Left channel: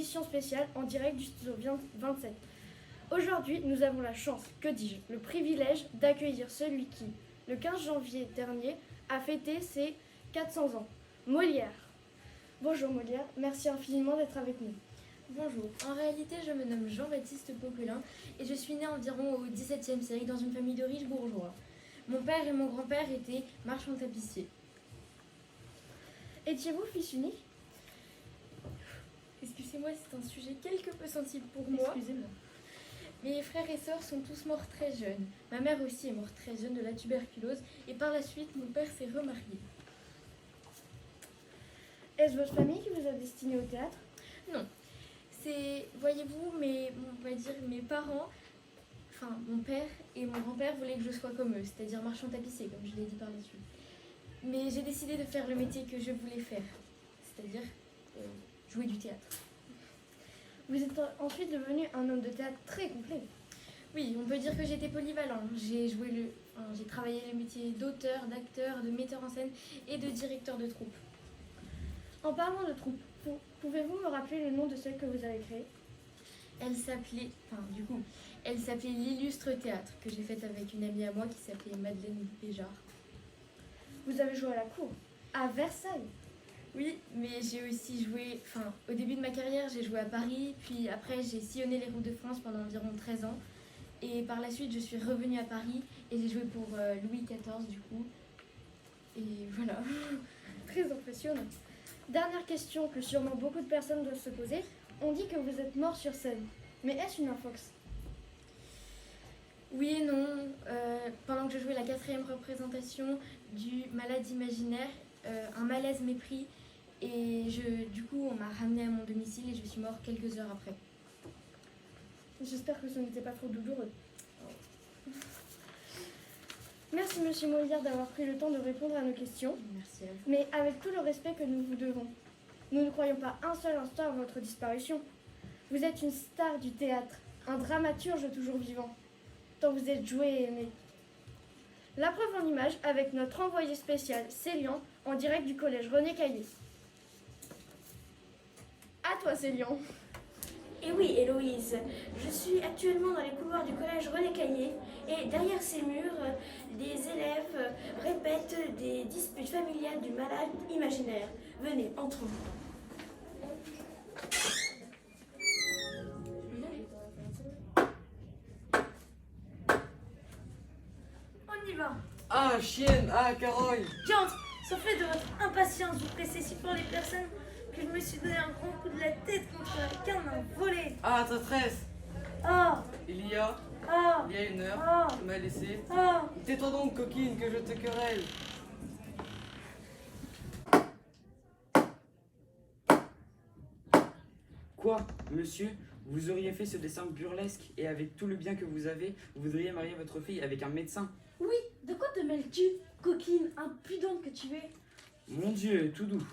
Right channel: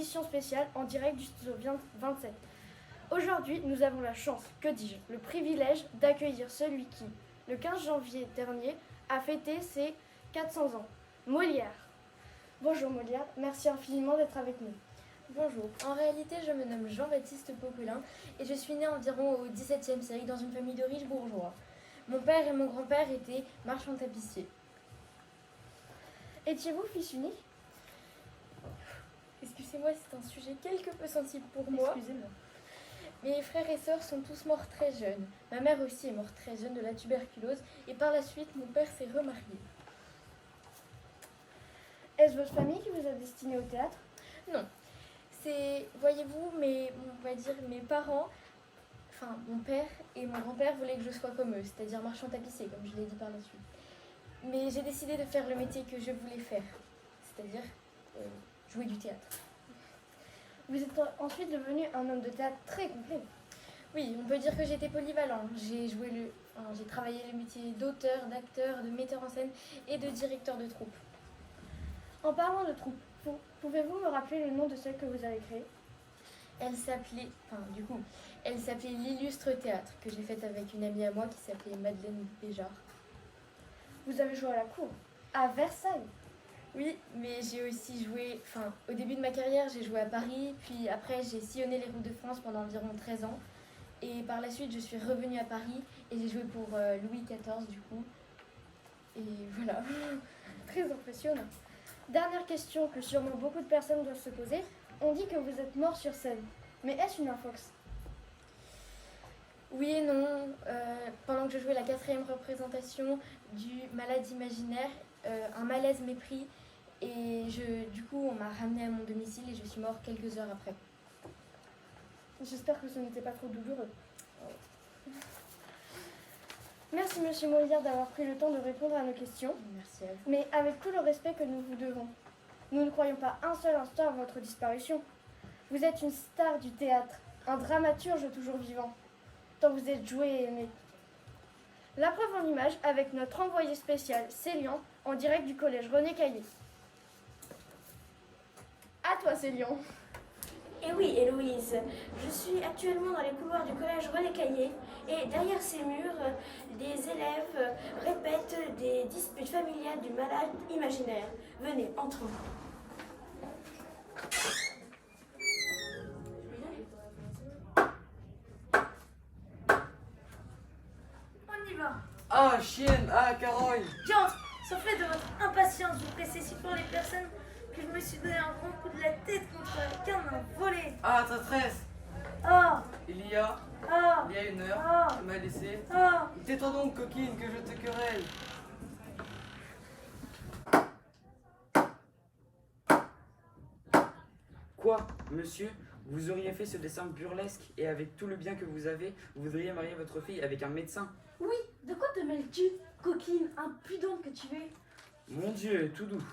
édition spéciale en direct du studio 27. Aujourd'hui, nous avons la chance, que dis-je, le privilège d'accueillir celui qui, le 15 janvier dernier, a fêté ses 400 ans, Molière. Bonjour Molière, merci infiniment d'être avec nous. Bonjour, en réalité je me nomme Jean-Baptiste Popelin et je suis né environ au XVIIe siècle dans une famille de riches bourgeois. Mon père et mon grand-père étaient marchands tapissiers. Étiez-vous fils unique? Excusez-moi, c'est un sujet quelque peu sensible pour moi. Excusez-moi. Mes frères et sœurs sont tous morts très jeunes. Ma mère aussi est morte très jeune de la tuberculose et par la suite mon père s'est remarié. Est-ce votre famille qui vous a destiné au théâtre? Non, c'est, voyez-vous, on va dire mes parents, enfin mon père et mon grand-père voulaient que je sois comme eux, c'est-à-dire marchand tapissier, comme je l'ai dit par la suite. Mais j'ai décidé de faire le métier que je voulais faire, c'est-à-dire jouer du théâtre. Vous êtes ensuite devenu un homme de théâtre très complet. Oui, on peut dire que j'étais polyvalent. J'ai travaillé le métier d'auteur, d'acteur, de metteur en scène et de directeur de troupe. En parlant de troupe, pouvez-vous me rappeler le nom de celle que vous avez créée? Elle s'appelait l'Illustre Théâtre, que j'ai faite avec une amie à moi qui s'appelait Madeleine Béjart. Vous avez joué à la cour, à Versailles. Oui, mais j'ai aussi joué, au début de ma carrière, j'ai joué à Paris, puis après j'ai sillonné les routes de France pendant environ 13 ans. Et par la suite, je suis revenue à Paris et j'ai joué pour Louis XIV du coup. Et voilà. Très impressionnant. Dernière question que sûrement beaucoup de personnes doivent se poser. On dit que vous êtes mort sur scène. Mais est-ce une infox? Oui et non. Pendant que je jouais la 4e représentation du Malade imaginaire, un malaise m'est pris et du coup on m'a ramenée à mon domicile et je suis morte quelques heures après. J'espère que ce n'était pas trop douloureux. Merci Monsieur Molière d'avoir pris le temps de répondre à nos questions. Merci à vous. Mais avec tout le respect que nous vous devons, nous ne croyons pas un seul instant à votre disparition. Vous êtes une star du théâtre, un dramaturge toujours vivant, tant vous êtes joué et aimé. La preuve en image avec notre envoyé spécial Célian en direct du collège René Caillé. À toi Célian. Et oui, Héloïse, je suis actuellement dans les couloirs du collège René Caillé et derrière ces murs, des élèves répètent des disputes familiales du malade imaginaire. Venez, entrons. On y va. Ah, chienne, ah, Caroline. J'entre, soufflez de votre impatience, vous pressez si fort les personnes que je me suis donné un grand coup de la tête contre un canon volé. Ah, ta tresse. Ah, Il y a ah, une heure, ah, tu m'as laissé. ah. Tais-toi donc, coquine, que je te querelle. Quoi, monsieur? Vous auriez fait ce dessin burlesque et avec tout le bien que vous avez, vous voudriez marier votre fille avec un médecin? Oui, de quoi te mêles-tu, coquine impudente que tu es? Mon Dieu, tout doux.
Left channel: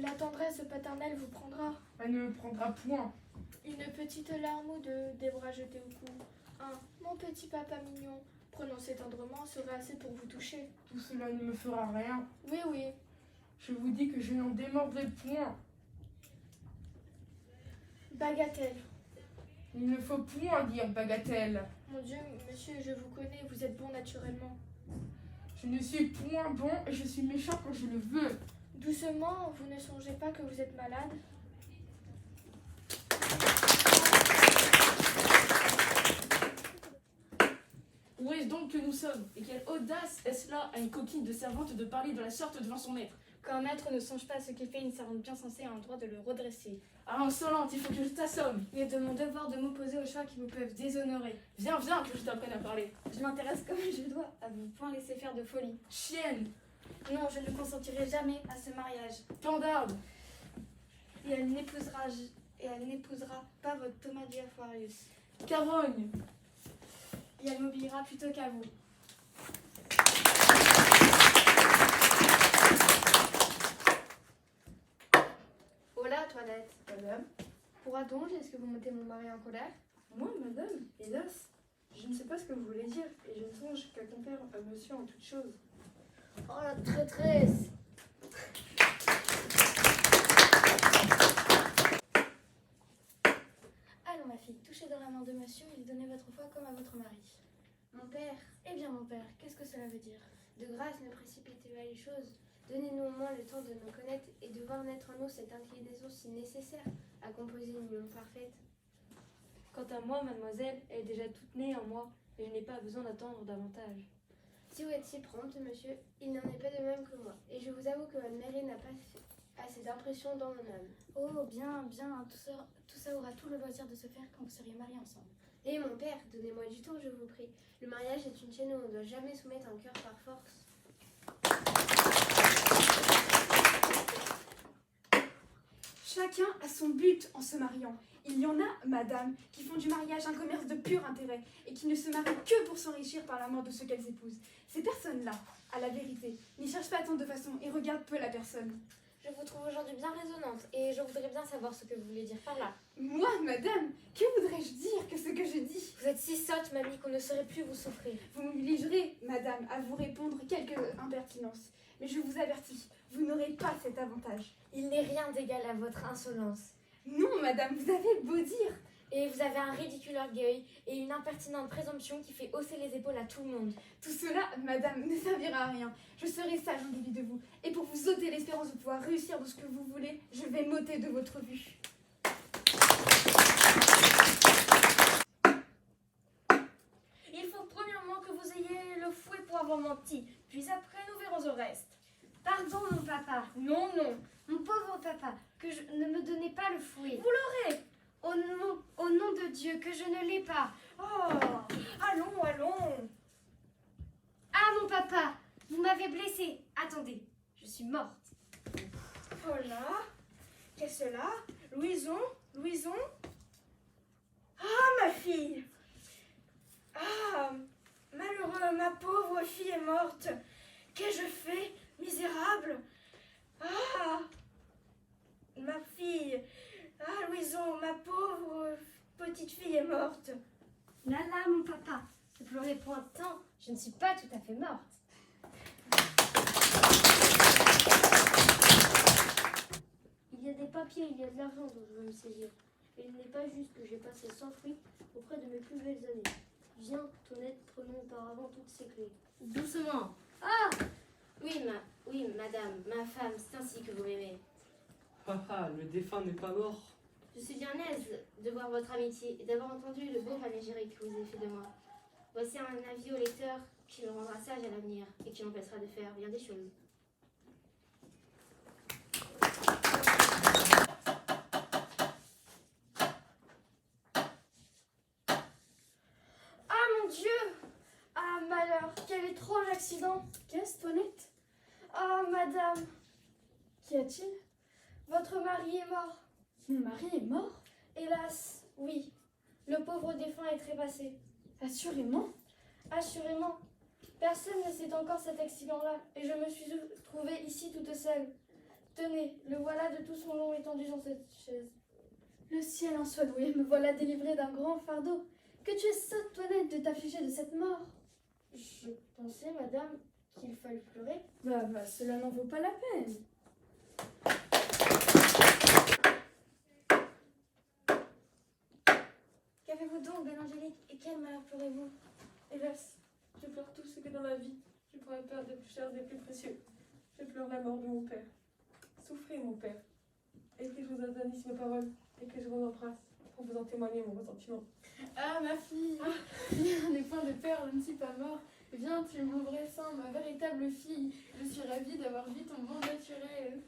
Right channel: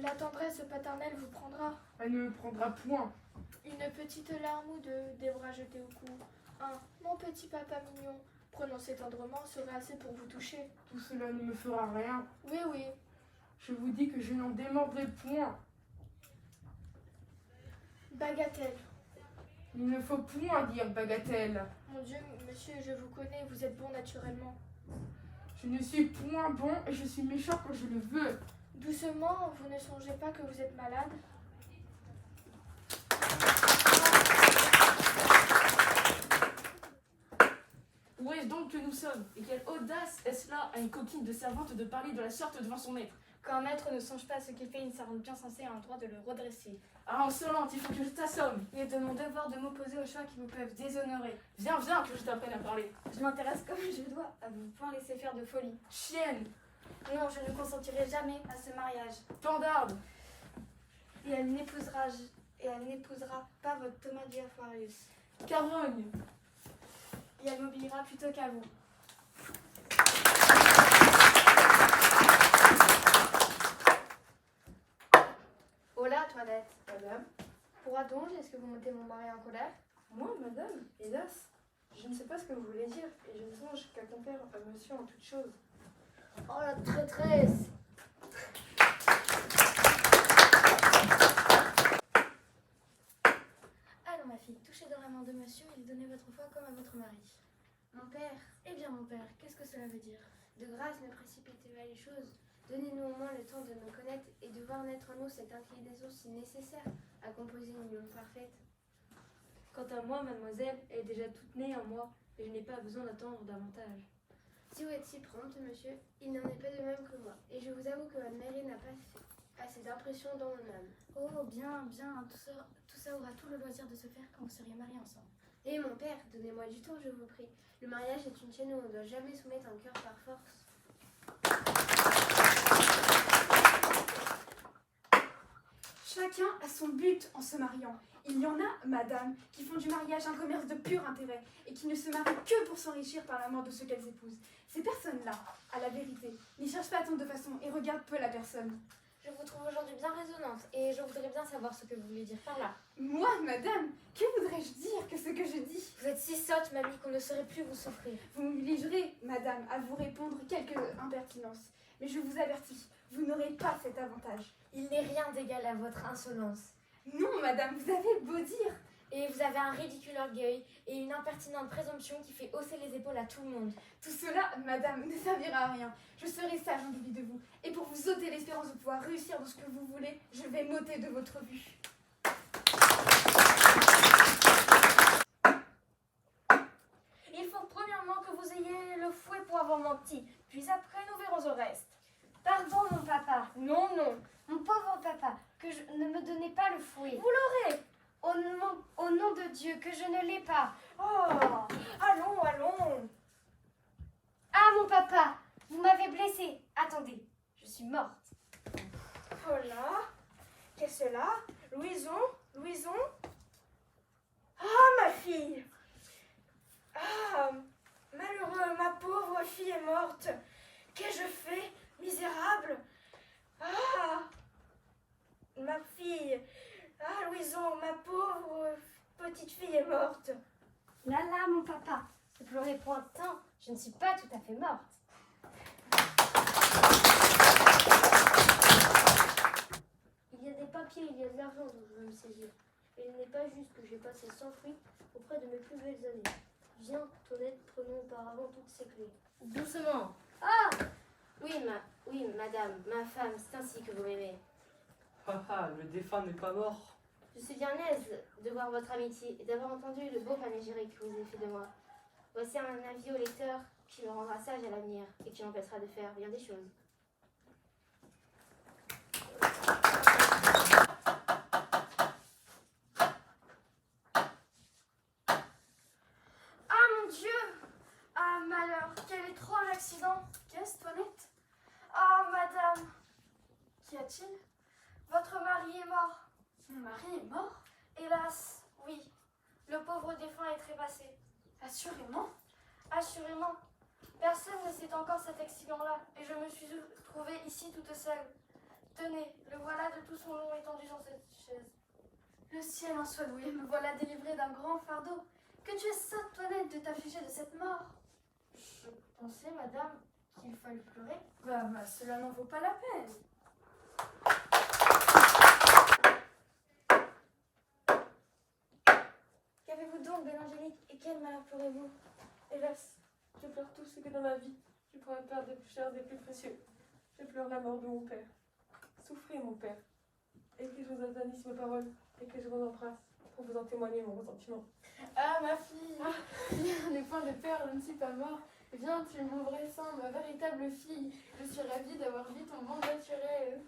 La tendresse paternelle vous prendra. Elle ne me prendra point. Une petite larme ou deux, des bras jetés au cou. Mon petit papa mignon, prononcé tendrement, sera assez pour vous toucher. Tout cela ne me fera rien. Oui, oui. Je vous dis que je n'en démordrai point. Bagatelle. Il ne faut point dire bagatelle. Mon Dieu, monsieur, je vous connais, vous êtes bon naturellement. Je ne suis point bon et je suis méchant quand je le veux. Doucement, vous ne songez pas que vous êtes malade? Où est-ce donc que nous sommes? Et quelle audace est-ce là à une coquine de servante de parler de la sorte devant son maître? Quand un maître ne songe pas à ce qu'il fait, une servante bien censée a le droit de le redresser. Ah, insolente, il faut que je t'assomme. Il est de mon devoir de m'opposer aux choix qui vous peuvent déshonorer. Viens, viens, que je t'apprenne à parler. Je m'intéresse comme je dois à ne point laisser faire de folie. Chienne, Non, je ne consentirai jamais à ce mariage. pandarde. Et elle n'épousera pas votre Thomas Diapharius. Carogne. Et elle m'obéira plutôt qu'à vous. Hola, toilette. Madame, Pour donc, est-ce que vous mettez mon mari en colère? moi, madame, hélas, Je ne sais pas ce que vous voulez dire, et je ne songe qu'à complaire à monsieur en toute chose. Oh la traîtresse! Allons, ma fille, touchez dans la main de monsieur et donnez votre foi comme à votre mari. Mon père, Eh bien, mon père, qu'est-ce que cela veut dire? de grâce, ne précipitez pas les choses. Donnez-nous au moins le temps de nous connaître et de voir naître en nous cette inclinaison si nécessaire à composer une union parfaite. Quant à moi, mademoiselle, elle est déjà toute née en moi, et je n'ai pas besoin d'attendre davantage. Si vous êtes si prompte, monsieur, il n'en est pas de même que moi. Et je vous avoue que votre mairie n'a pas fait assez d'impression dans mon âme. Oh, bien, bien, tout ça aura tout le loisir de se faire quand vous seriez mariés ensemble. Et mon père, donnez-moi du temps, je vous prie. Le mariage est une chaîne où on ne doit jamais soumettre un cœur par force. Chacun a son but en se mariant. Il y en a, madame, qui font du mariage un commerce de pur intérêt et qui ne se marient que pour s'enrichir par la mort de ceux qu'elles épousent. Ces personnes-là, à la vérité, n'y cherchent pas tant de façon et regardent peu la personne. Je vous trouve aujourd'hui bien raisonnante et je voudrais bien savoir ce que vous voulez dire par là. Moi, madame, que voudrais-je dire que ce que je dis? Vous êtes si sotte, mamie, qu'on ne saurait plus vous souffrir. Vous m'obligerez, madame, à vous répondre quelques impertinences. Mais je vous avertis, vous n'aurez pas cet avantage. Il n'est rien d'égal à votre insolence. Non, madame, vous avez beau dire. Et vous avez un ridicule orgueil et une impertinente présomption qui fait hausser les épaules à tout le monde. Tout cela, madame, ne servira à rien. Je serai sage en dépit de vous. Et pour vous ôter l'espérance de pouvoir réussir dans ce que vous voulez, je vais m'ôter de votre vue. Il faut premièrement que vous ayez le fouet pour avoir menti, puis après nous verrons au reste. Pardon mon papa, non, non, mon pauvre papa, ne me donnez pas le fouet. Vous l'aurez, au nom de Dieu, que je ne l'ai pas. Oh, allons, allons. Ah mon papa, vous m'avez blessée. Attendez, je suis morte. Oh là, qu'est-ce que cela? Louison, Louison? Ah, ma fille! Ah, malheureux, ma pauvre fille est morte. Qu'ai-je fait, misérable? Ah, ma fille. Ah, Louison, ma pauvre petite fille est morte. Là, là, mon papa, ne pleurez point tant, je ne suis pas tout à fait morte. Il y a des papiers, il y a de l'argent dont je veux me saisir. Et il n'est pas juste que j'ai passé sans fruit auprès de mes plus belles années. Viens, Toinette, prenons auparavant toutes ces clés. Doucement. Ah! Oui, madame, ma femme, c'est ainsi que vous m'aimez. Papa, le défunt n'est pas mort. Je suis bien aise de voir votre amitié et d'avoir entendu le beau panégyrique que vous avez fait de moi. Voici un avis au lecteur qui le rendra sage à l'avenir et qui l'empêchera de faire bien des choses. Ah mon Dieu! Ah malheur, quel étrange accident! Qu'est-ce, Toinette? Ah madame! Qu'y a-t-il? Votre mari est mort. Mon mari est mort? Hélas, oui. Le pauvre défunt est trépassé. Assurément. Assurément. Personne ne sait encore cet accident-là et je me suis trouvée ici toute seule. Tenez, le voilà de tout son long étendu dans cette chaise. Le ciel en soit loué, me voilà délivrée d'un grand fardeau. Que tu es sotte, Toinette, de t'affliger de cette mort. Je pensais, madame, qu'il fallait pleurer. Bah, cela n'en vaut pas la peine. Qu'avez-vous donc, belle Angélique, et quel malheur pleurez-vous? Hélas, je pleure tout ce que dans ma vie, je pourrais perdre des plus chers, des plus précieux. Je pleure la mort de mon père. Souffrez, mon père, et que je vous donne ici mes paroles, et que je vous embrasse pour vous en témoigner mon ressentiment. Ah, ma fille, rien n'est point de peur, je ne suis pas mort. Viens, tu m'ouvres sans ma véritable fille. Je suis ravie d'avoir vu ton bon naturel.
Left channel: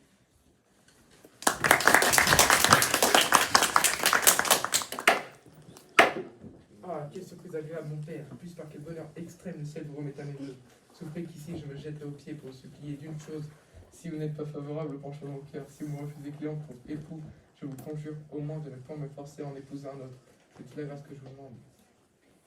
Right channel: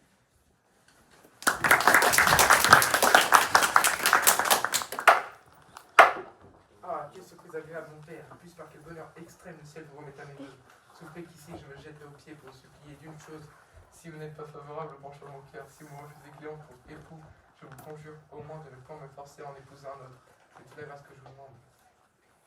Ah, quelle surprise agréable, mon père. Plus par quel bonheur extrême le ciel vous remet à mes voeux. Souffrez qu'ici je me jetterai aux pieds pour vous supplier d'une chose. Si vous n'êtes pas favorable au penchant de mon cœur, si vous me refusez Cléon pour époux, je vous conjure au moins de ne point me forcer à en épouser un autre. C'est toute la grâce que je vous demande.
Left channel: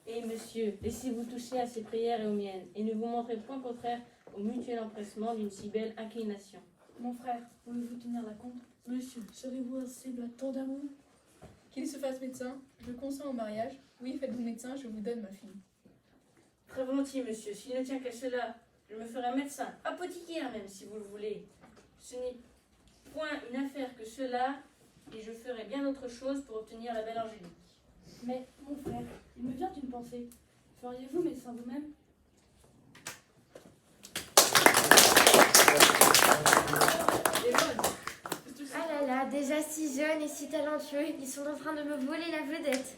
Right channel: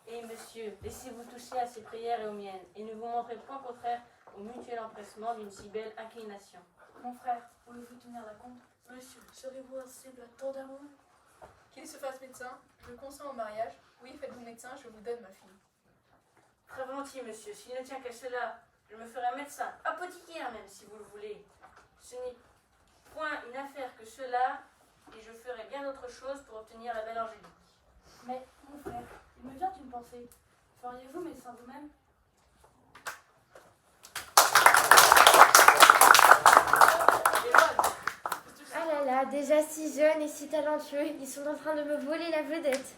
Et monsieur, laissez-vous toucher à ses prières et aux miennes, et ne vous montrez point contraire au mutuel empressement d'une si belle inclination. Mon frère, pouvez-vous tenir la compte? Monsieur, serez-vous insensible à tant d'amour? Qu'il se fasse médecin, je consens au mariage. Oui, faites-vous médecin, je vous donne ma fille. Très volontiers, monsieur. S'il ne tient qu'à cela, je me ferai médecin, apothicaire même, si vous le voulez. Ce n'est point une affaire que cela, et je ferai bien autre chose pour obtenir la belle Angélique. Mais, mon frère, il me vient une pensée. Feriez-vous médecin vous-même? Ah là là, déjà si jeunes et si talentueux, ils sont en train de me voler la vedette.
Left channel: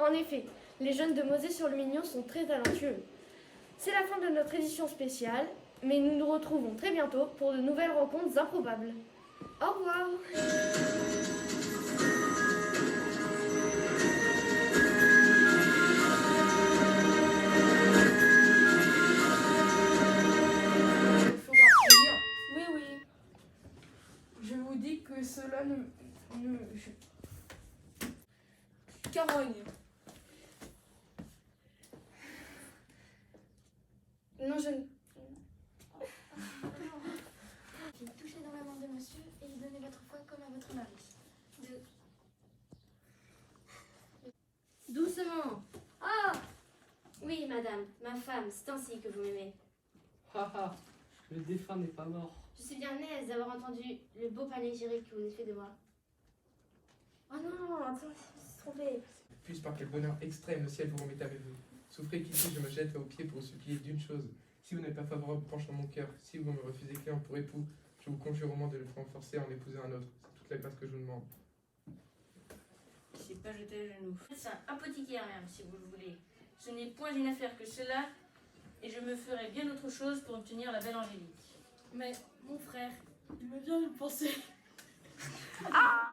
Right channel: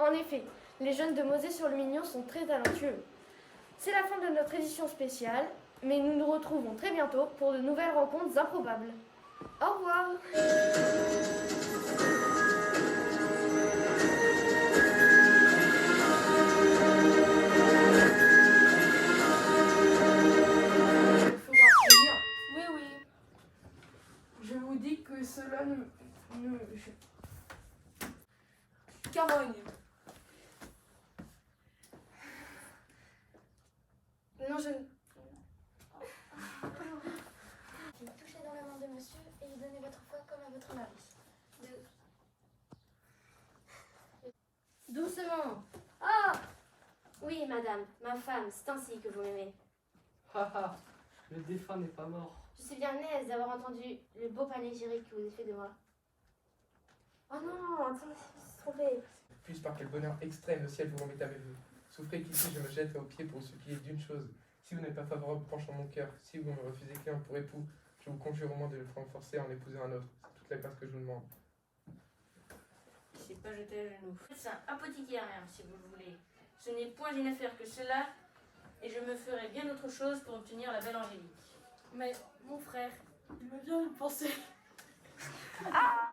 En effet, les jeunes de Mosée-sur-le-Mignon sont très talentueux. C'est la fin de notre édition spéciale, mais nous nous retrouvons très bientôt pour de nouvelles rencontres improbables. Au revoir. Il faudra finir. Oui, oui. Je vous dis que cela ne... Carogne. Non, je... Touchez dans la main de monsieur et lui donnez votre foi comme à votre mari. Doucement. Ah oui, madame, ma femme, c'est ainsi que vous m'aimez. Haha, le défunt n'est pas mort. Je suis bien aise d'avoir entendu le beau panégyrique que vous avez fait de moi. Oh non, attends, je me suis trompée. Puisse par quel bonheur extrême le ciel vous remette avec vous. Souffrez qu'ici je me jette aux pieds pour vous supplier d'une chose. Si vous n'êtes pas favorable, penchant mon cœur. Si vous me refusez client pour époux, je vous conjure au moins de ne pas me forcer à en épouser un autre. C'est toute la grâce que je vous demande. C'est pas jeter à genoux. Médecin, apothicaire même, si vous le voulez. Ce n'est point une affaire que cela, et je me ferai bien autre chose pour obtenir la belle Angélique. Mais, mon frère, il me vient une pensée.